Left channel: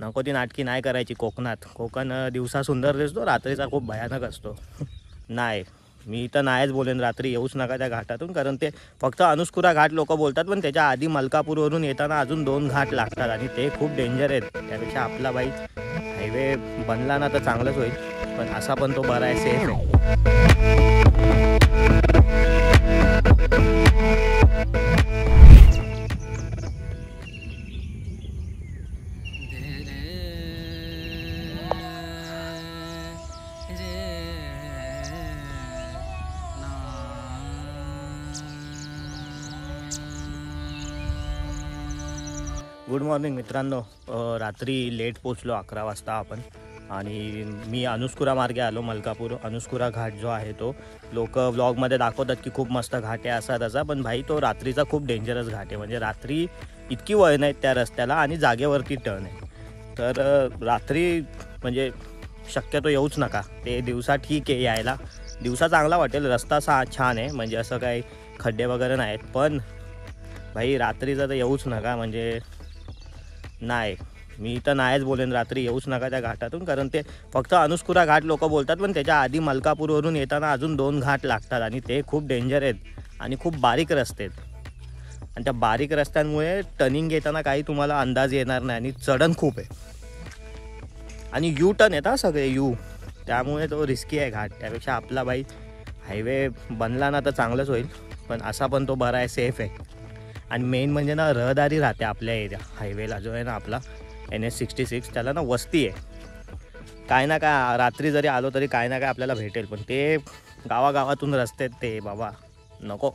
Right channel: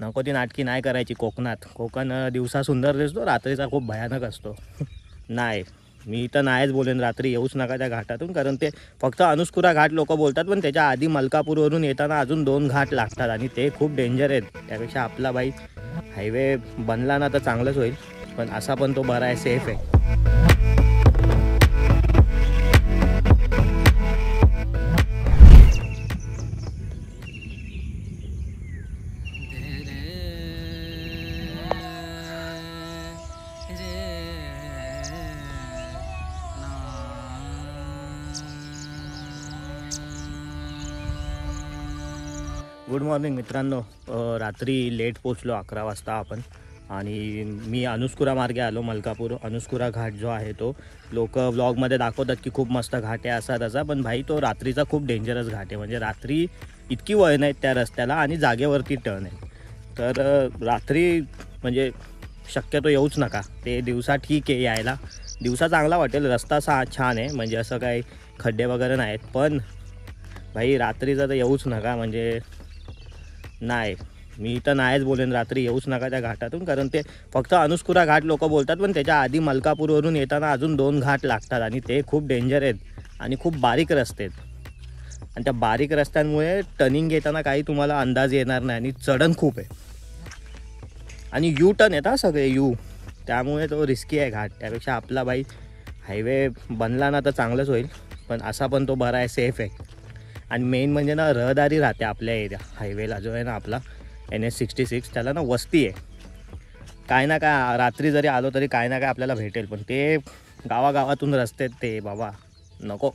नको ती नाटकी नाही करायची कोकणात. कोकण दिवसा सुंदर दिसतो, रात्रीचा खूप भयानक असतो. नाही, मी तर नाहीच बोलेन रात्री येऊच नका त्या घाटातून, कारण ते फक्त अनुस्कुरा घाट लोक बोलतात, पण त्याच्या आधी मलकापूरवरून येताना अजून 2 घाट लागतात आणि ते खूप डेंजर आहेत. त्यापेक्षा आपला बाई हायवे बनला ना तर चांगलंच होईल, पण असा पण तो बरा आहे, सेफ आहे. गुड मॉर्निंग मित्रांनो. रात्री लेट पोचलो 11 वाजता आपण, आणि मी अनुस्कुरा मार्गे आलो. मलकापूर अनुस्कुरा घाट जो आहे तो लोक व्लॉगमध्ये दाखवतात की खूप मस्त घाट आहे असा तसा, पण भाई तो रात्रीचा खूप डेंजरस घाट आहे. म्हणजे रात्री इतकी वळण आहेत त्या रस्त्याला आणि जागेवरती टर्न आहे. तर रात्री म्हणजे शक्यतो येऊच नका. ते दिवसा ठीक आहे, यायला दिवसा चांगला वाटेल, रस्ता छान आहे, म्हणजे असं काही खड्डे वगैरे नाहीत. पण भाई रात्रीचा तर येऊच नका. म्हणजे नाही, मी तर नाहीच बोलेन रात्री येऊच नका त्या घाटातून, कारण ते फक्त अनुस्कुरा घाट लोक बोलतात, पण त्याच्या आधी मलकापूरवरून येताना अजून 2 घाट लागतात आणि ते खूप डेंजर आहेत आणि खूप बारीक रस्ते आहेत. आणि त्या बारीक रस्त्यांमुळे टर्निंग घेताना काही तुम्हाला अंदाज येणार नाही आणि चढण खूप आहे आणि यू टर्न येतात सगळे यू, त्यामुळे तो रिस्की आहे घाट. त्यापेक्षा आपला बाई हायवे बनला ना तर चांगलंच होईल, पण असा पण तो बरा आहे, सेफ आहे. आणि मेन म्हणजे ना रहदारी राहते आपल्या एरिया हायवेला जो आहे ना आपला NH66, त्याला ना वस्ती आहे. काय ना काय रात्री जरी आलो तरी काय ना काय आपल्याला भेटेल, पण ते गावागावातून रस्ते ते बाबा नको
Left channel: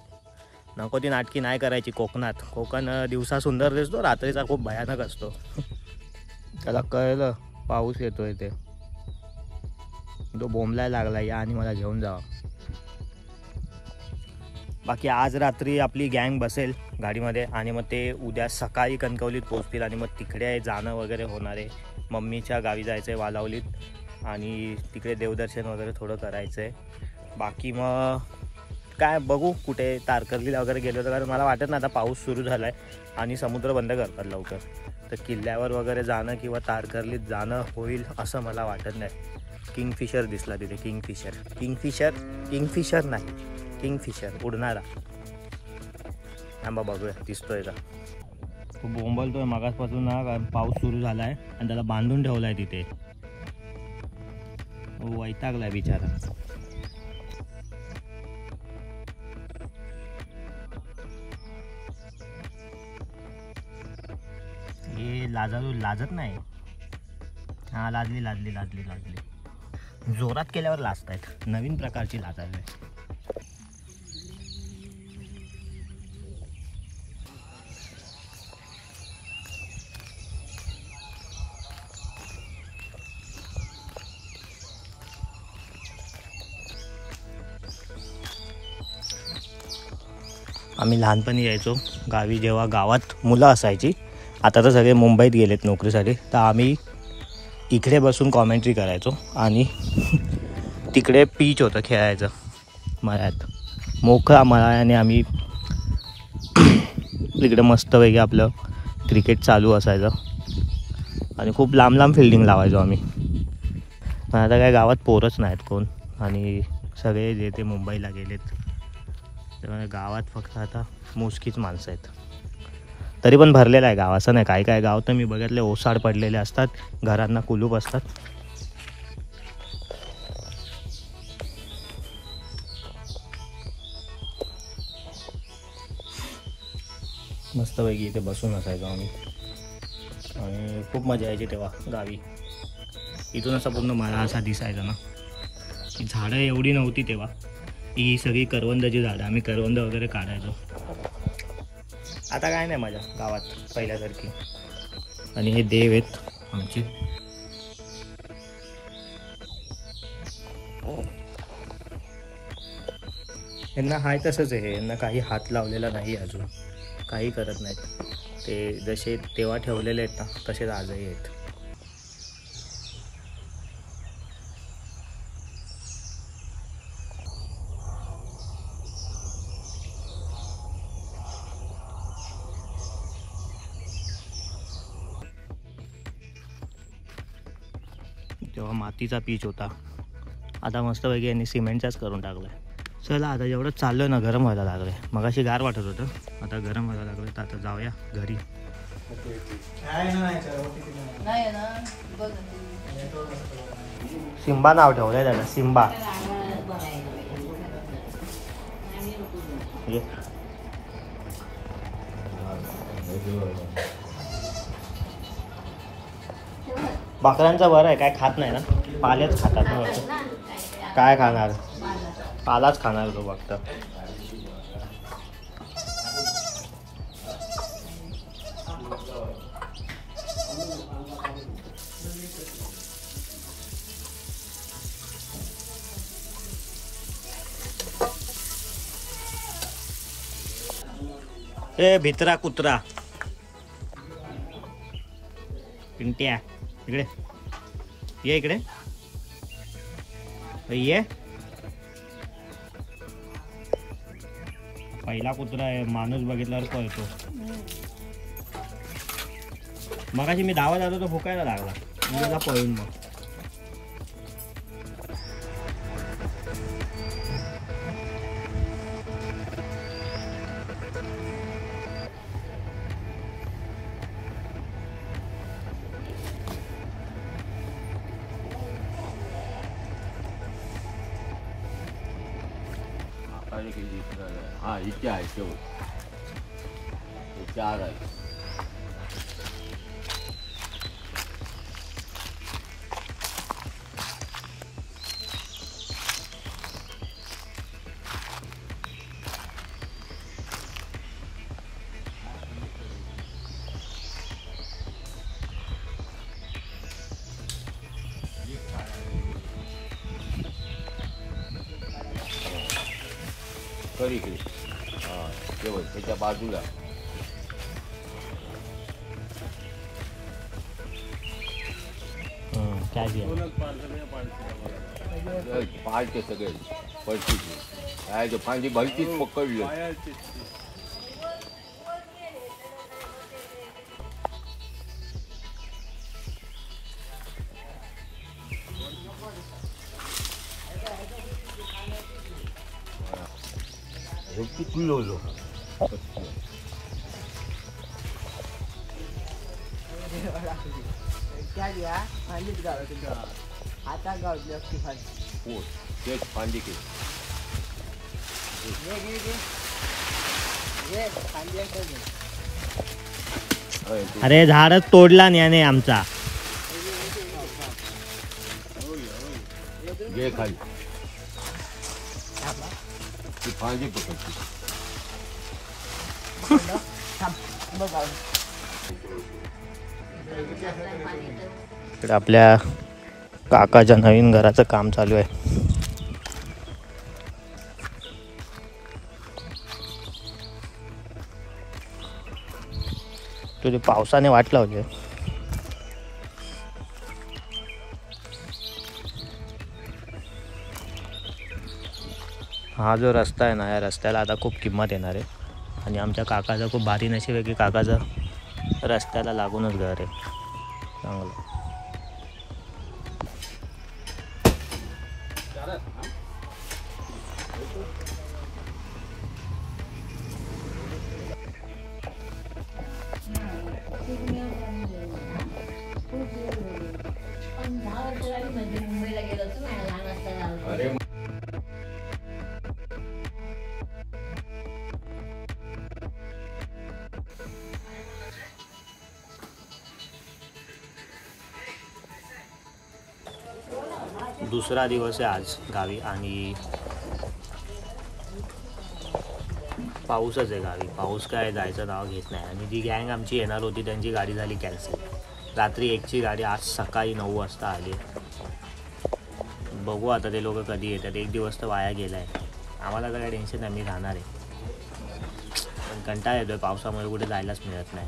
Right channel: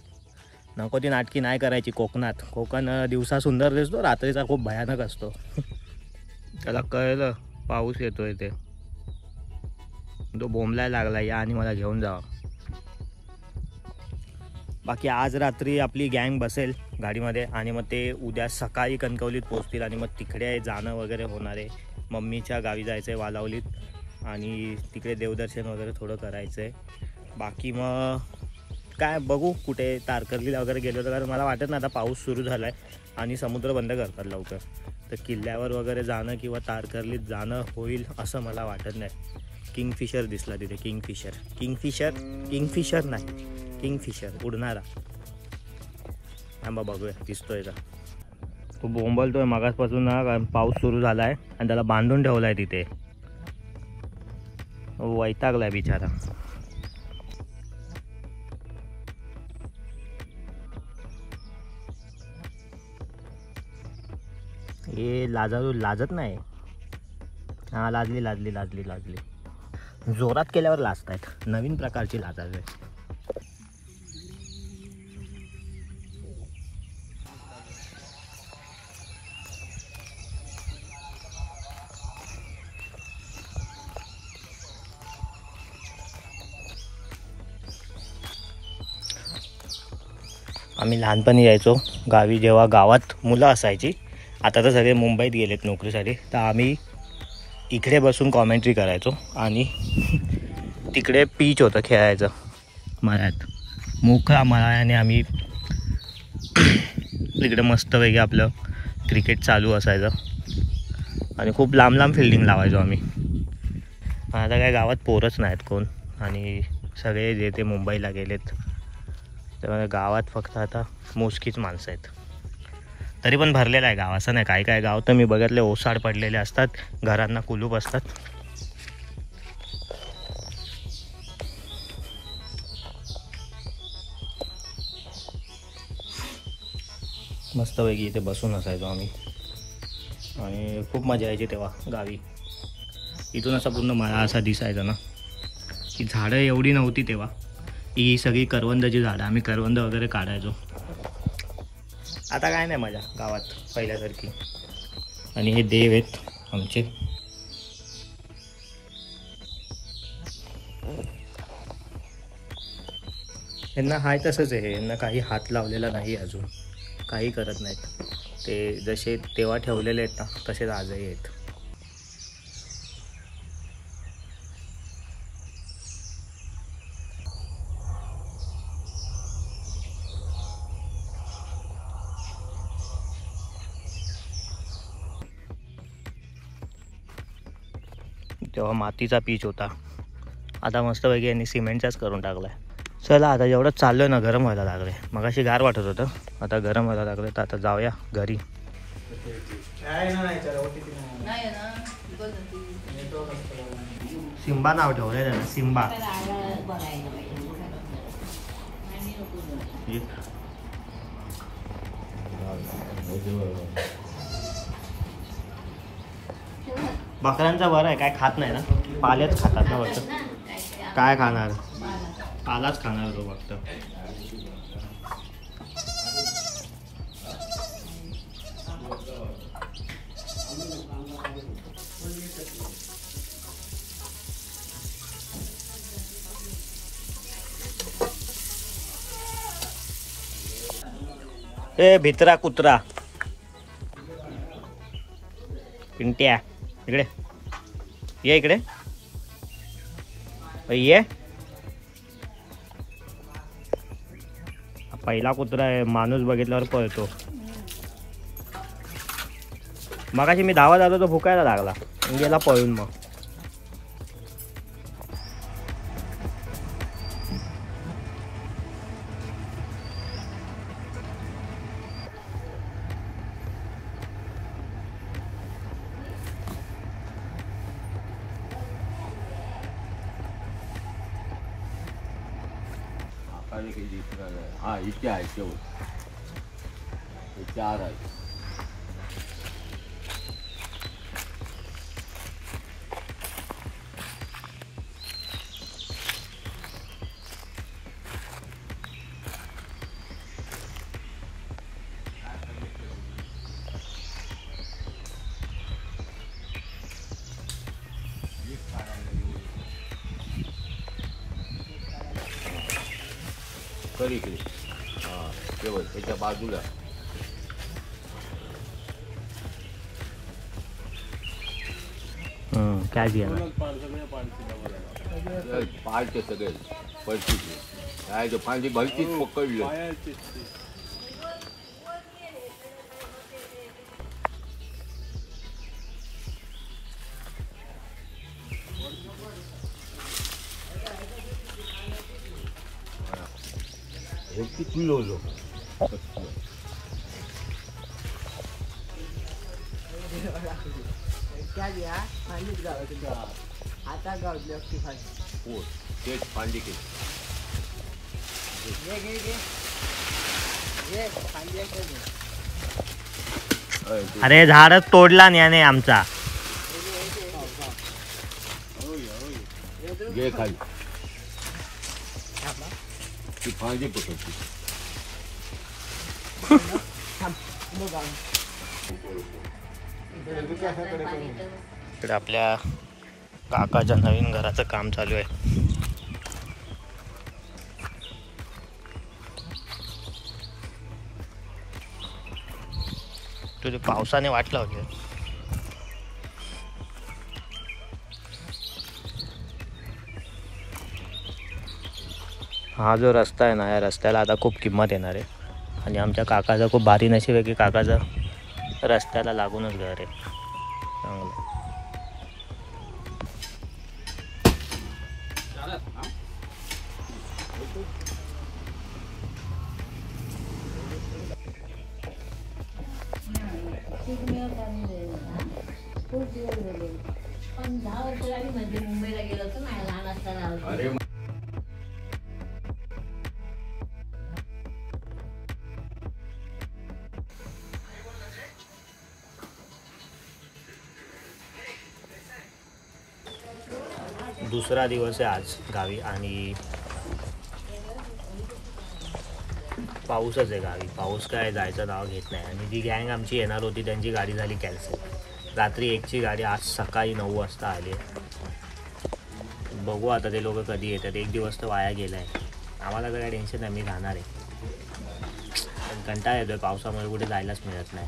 नको ती नाटकी नाही करायची कोकणात. कोकण दिवसा सुंदर दिसतो, रात्रीचा खूप भयानक असतो. त्याला कळलं पाऊस येतोय ते, तो बोंबलायला लागला या आणि मला घेऊन जावा. बाकी आज रात्री आपली गँग बसेल गाडीमध्ये आणि मग ते उद्या सकाळी कणकवलीत पोहोचतील आणि मग तिकडे जाणं वगैरे होणार आहे. मम्मीच्या गावी जायचं आहे वालावलीत, आणि तिकडे देवदर्शन वगैरे थोडं करायचं आहे. बाकी मग काय बघू, कुठे तारकर्लीला वगैरे गेलो तर, कारण मला वाटत नाही आता पाऊस सुरू झाला आहे आणि समुद्र बंद करतात लवकर, तर किल्ल्यावर वगैरे जाणं किंवा तारकर्लीत जाणं होईल असं मला वाटत नाही. किंगफिशर दिसला तिथे, किंगफिशर नाही, किंगफिशर उडणारा. थांबा बघूया दिसतोय का. खूप बोंबलतोय मगासपासून ना, कारण पाऊस सुरू झाला आहे आणि त्याला बांधून ठेवला आहे तिथे. वैतागलाय बिचारा. हे लाजत नाही. हां लाजली. जोरात केल्यावर लाजतायत, नवीन प्रकारची लाजावी. आम्ही लहानपणी यायचो गावी, जेव्हा गावात मुलं असायची. आता तर सगळे मुंबईत गेलेत नोकरीसाठी, तर आम्ही इकडे बसून कॉमेंट्री करायचो आणि तिकडे पीच होतं खेळायचं मळ्यात, मोकळा मळ्याने आम्ही इकडे मस्तपैकी आपलं क्रिकेट चालू असायचं आणि खूप लांब फिल्डिंग लावायचो आम्ही. पण आता काय गावात पोरच नाहीत कोण, आणि सगळे जे ते मुंबईला गेलेत, त्यामुळे गावात फक्त आता मोजकीच माणसं आहेत. तरी पण भरलेलं आहे गाव, असं नाही. काय गाव तर मी बघितले ओसाड पडलेले असतात, घरांना कुलूप असतात. मस्तपैकी इथे बसून असायचो आम्ही आणि खूप मजा यायची तेव्हा गावी. इथून असा पूर्ण मला असा दिसायचा ना की झाडं एवढी नव्हती तेव्हा, ही सगळी करवंदाची झाडं, आम्ही करवंद वगैरे काढायचो. आता काय नाही मजा गावात पहिल्यासारखी. आणि हे देव आहेत आमचे, यांना हाय तसंच आहे, यांना काही हात लावलेला नाही अजून, काही करत नाहीत. ते जसे तेव्हा ठेवलेले आहेत ना तसेच आजही आहेत. तेव्हा मातीचा पीच होता. आता मस्तपैकी यांनी सिमेंटचाच करून टाकला आहे. चला आता जेवढं चाललोय ना गरम व्हायला लागले. मगाशी गार वाटत होतं, आता गरम व्हायला लागले. तर आता जाऊया घरी. सिम्बा नाव ठेवलंय त्याला, सिम्बा. बकऱ्यांचं बरं आहे, काय खात नाही ना, पालेच खातात ना फक्त. काय खाणार, पालाच खाणार तो फक्त. ए भित्रा कुत्रा, पिंट्या इकडे ये, इकडे ये. पहिला कुत्रा आहे, माणूस बघितल्यावर पळतो. मगाशी मी धावा जातो तो भुकायला लागला, गेला पळून. मग हाँ इतके आहे शेवट, 4 आहे. कर इकडे, हां केवळ त्याच्या बाजूला. काय दिया पाळते सगळे पळती, काय ते फांदी भलतीच पकडली. किती लोलो आता गावली असती फांदी. तेच फांदी के अरे झाडच तोडला याने आमचा. घे खाली ती फांदी पकडती. इकडे आपल्या काकाच्या नवीन घराचं काम चालू आहे. तुझे पावसाने वाट लावली. हा जो रस्ता आहे ना, या रस्त्याला आता खूप किंमत येणार आहे. आणि आमच्या काकाचं खूप भारी नशीब आहे की काकाचं रस्त्याला लागूनच घर आहे. चांगलं. मुंबईला गेलो होतो ना लहान असताना. दुसरा दिवस आहे आज गावी आणि पाऊसच आहे गावी. पाऊस काय जायचं नाव घेत नाही. आणि जी गँग आमची येणार होती त्यांची गाडी झाली कॅन्सल. रात्री 1ची गाडी आज सकाळी 9 वाजता आली. बघू आता ते लोक कधी येतात. 1 दिवस तर वाया गेला आहे. आम्हाला तर काय टेन्शन नाही, मी राहणार आहे. पण कंटाळा येतोय पावसामुळे, कुठे जायलाच मिळत नाही.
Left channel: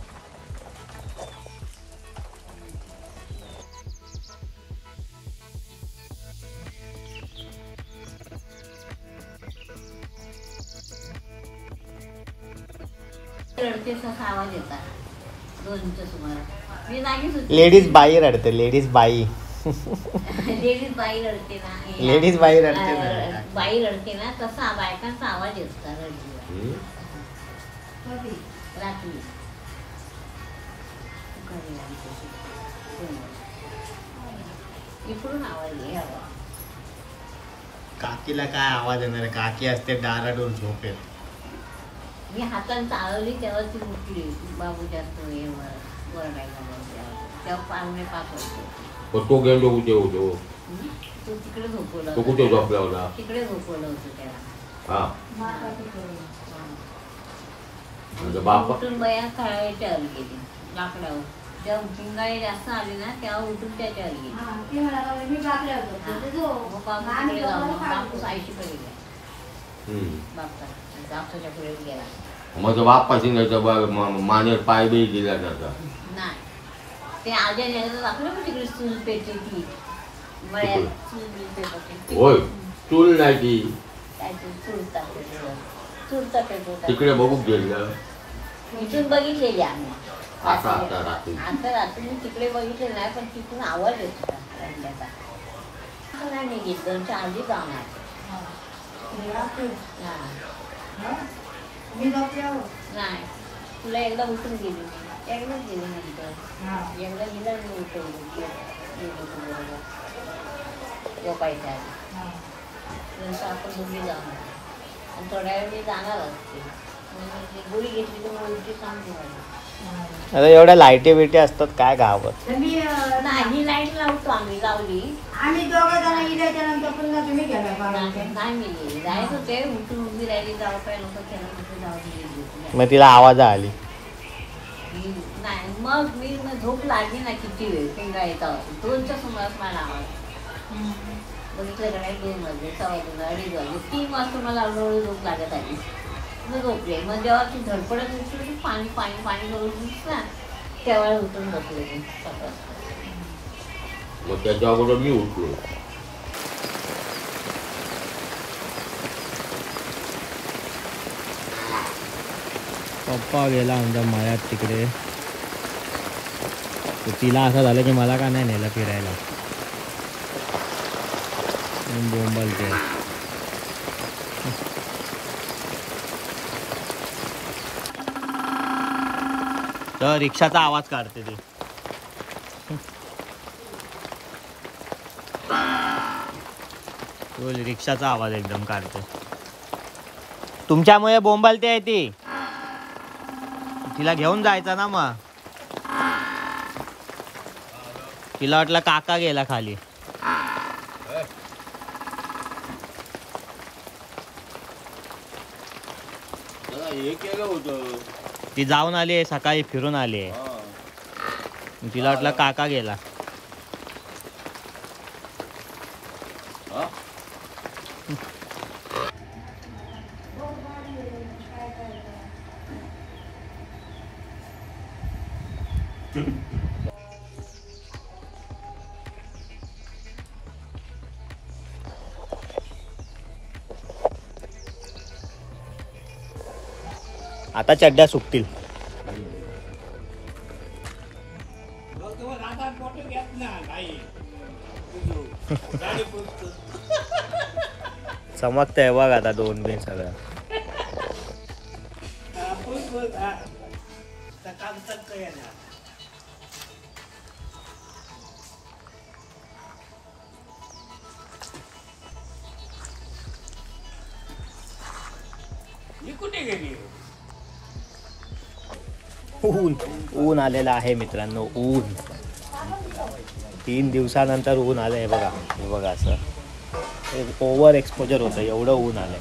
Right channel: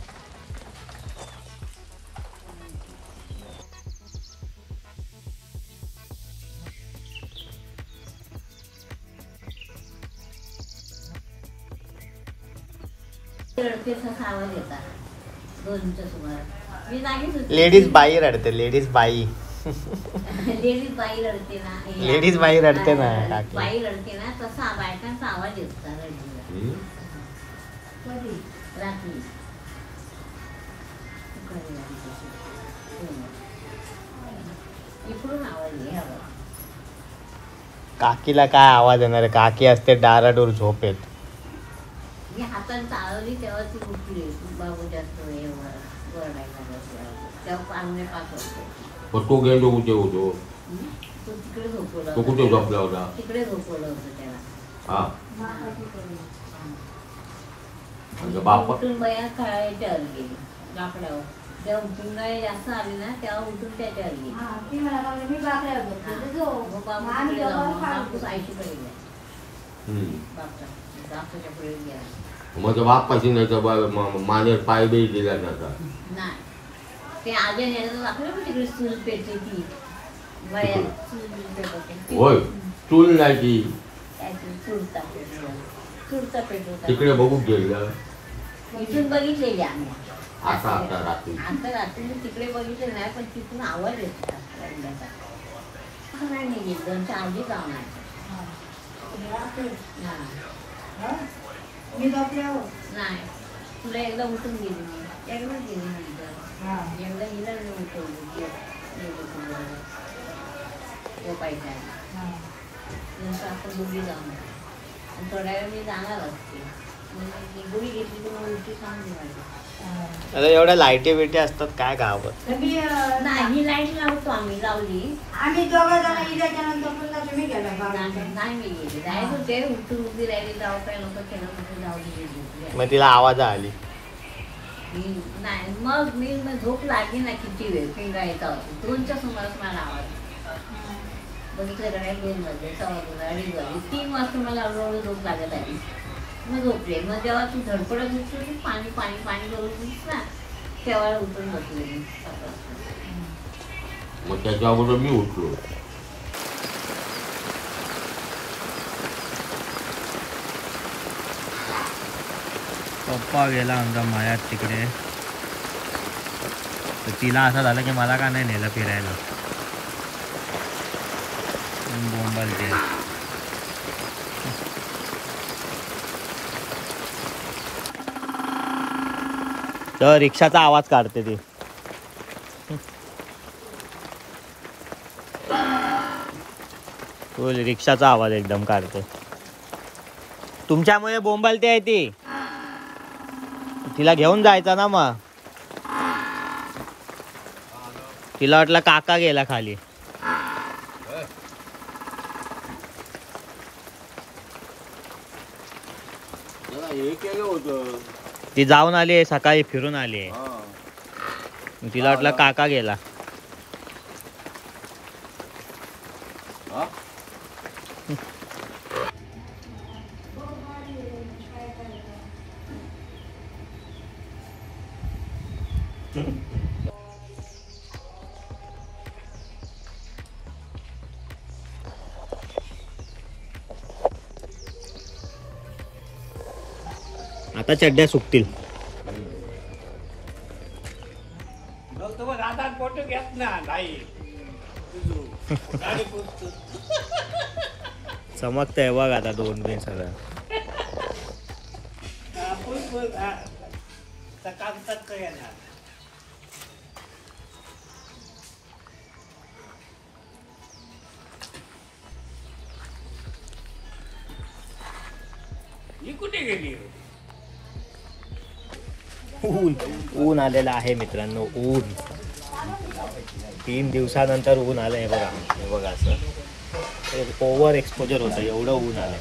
लेडीज बाई रडते, लेडीज बाई. लेडीज बाई रडते ना लेडीज बाई रडते ना, काकी. बाई रडते ना तसा बायकांचा आवाज येतो रडली रात्री इकडून आवाज आहे. काकीला काय आवाज येणार आहे? काकी असते डाराडोर झोपेत. मी हाताने चालवली तेव्हा ती उठली बाबू जास्त वरडायला तेव्हा पाहुणे पाठवतो. तो गेलो कुठे होतो? तो तिकडे झोपवला तो कुठे झोपला होता? तिकडे झोपवलं होतं त्याला. हा म्हणजे आणि बाप उठून बाया खेळायच्यावर गेली लाकडावर. तेव्हा उठून जास्त आली ना तेव्हा उठून त्याच्यावर गेली. मग बापू तिकडे जाऊन बापू आईशीकडे गेला. बापच्या पुढे गेला. मग बाप्पाशी नाही तर मानेर पाय बी दिला जाता. नाही ते आले नाही तर आपल्या पण तिकडे चूल पेटली ती मळ्यात चूल पेटत होय चूल नाही ती चूल पेटली तिकडे बघू गेलं. इथून बघितलेली आम्ही. आता आता रात्री आता रात्री तिकडे बघितले नाही पण तिथून आवाज येतो रडण्याचा. नाही निघित 2-4 काम आहे. नाही तुला एकदा उठून गेली मी एकदाच गेली नंतर एकदा गेला उठवली तेव्हा पाहिजे नंतर आपण बुडी जाऊन आणि थोड्या वेळ मी जाणार असते बुडी घेतली तर उलटी सांगली पाहिजे. एवढ्या लाईटी बिटी असतात काय गावात? नाही लाईट लावतो आम्ही लावली नाही गेली जायच होते उठून उभी राहिली जाऊ काय नको त्याला कुठे जाऊ दिली. मग तिला आवाज आली नाही मग मी झोप लागली ना किती वेळ पिंगायचा होता 2च्या सुमारास मला आवाज बघितलं का नाही 2 वाजले 2:15 2:30 वाजले 3 वाजता मला हळूहळू झोप लागत आली. मग झोपले. मग जेव्हा ती धडपडत उठली पाणी पाणी पाणी करून ना तेव्हा उठून झोपले मी. मग त्याच्या अगोदर मी उठलो. पप्पा गेला आमचा मळ्यात तिकडे. तर तिला असं झालं की मला का नाही नेलं फिरायला. बोंबलते. तर रिक्षाचा आवाज काढते ती. तो रिक्षाचा आवाज एकदम काढते. तुमच्यामुळे बोंबलते आहे ती. तिला घेऊन जायचा ना मग. तिला वाटलं काका गेला खाली. हे केलं होतं ती जाऊन आली आहे सकाळी फिरून आली आहे. तिला वाटलं काका गेला. आता चड्ड्या सुकतील. चमकतंय बघ आता 2 बिन सगळं. कुठे गेली? ऊन आलेलं आहे मित्रांनो. ऊन 3 दिवसानंतर ऊन आलं आहे बघा. हे बघा असं ओव्हर एक्सपोजर होतं एवढं ऊन आलंय.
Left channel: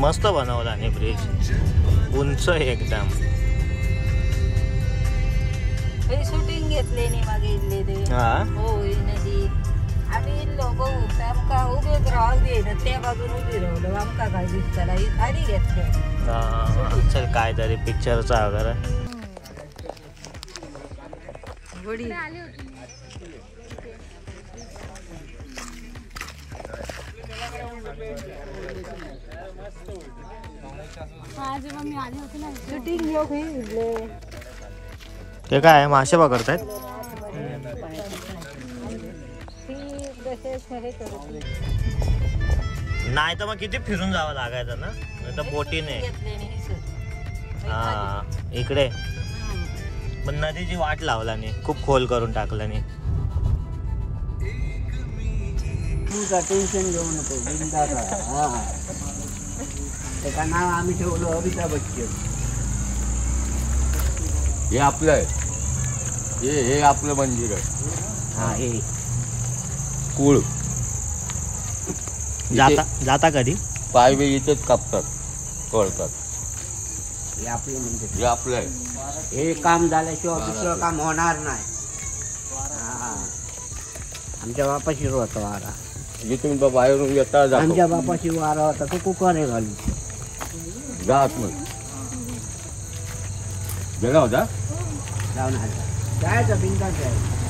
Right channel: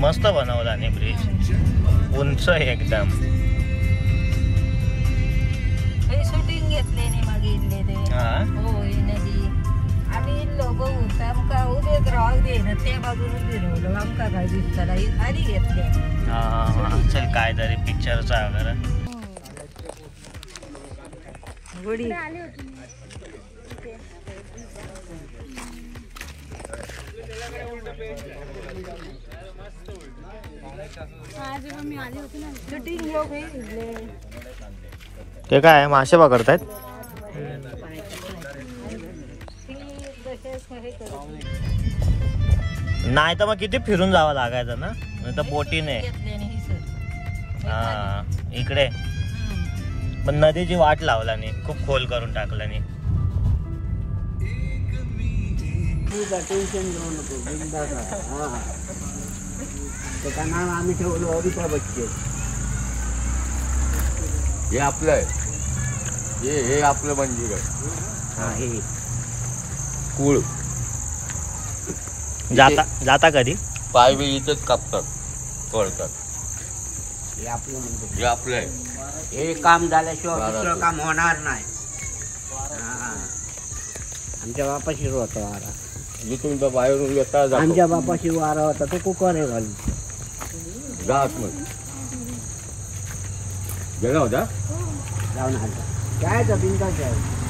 मस्त बनवला आणि ब्रिज उंच एकदम. शूटिंग घेतले नाही मागे इथले ते. हो नदी आम्ही लोक आमका उभे राहू दे त्या बाजून उभी राहलो आमका काय दिसताना आधी घेतले. हा चल काय तरी पिक्चरचा वगैरे. गुडी शूटिंग लोक हे ते काय मासे पकडतायत. नाही तर मग किती फिरून जावं लागायचं ना, नाही तर बोटीने. हा इकडे पण नदीची वाट लावला नाही, खूप खोल करून टाकला नाही. टेन्शन घेऊ नको, त्याचं नाव आम्ही ठेवलं अमिताभ बच्चन. हे आपलं आहे, हे आपलं मंदिर आहे. हा हे कुळ जाता कधी पाय बी इथंच कापतात, तोडतात. हे आपलं मंदिर. हे आपलं आहे. हे काम झाल्याशिवाय दुसरं काम होणार नाही. हा आमच्या बापाशी होता वारा, जिथून बाहेरून येता जातो. आमच्या बापाशी वारा होता तो कुकर आहे घालून जात नाही गेला होता. जाऊन आला जायचं बिंदास जायचं.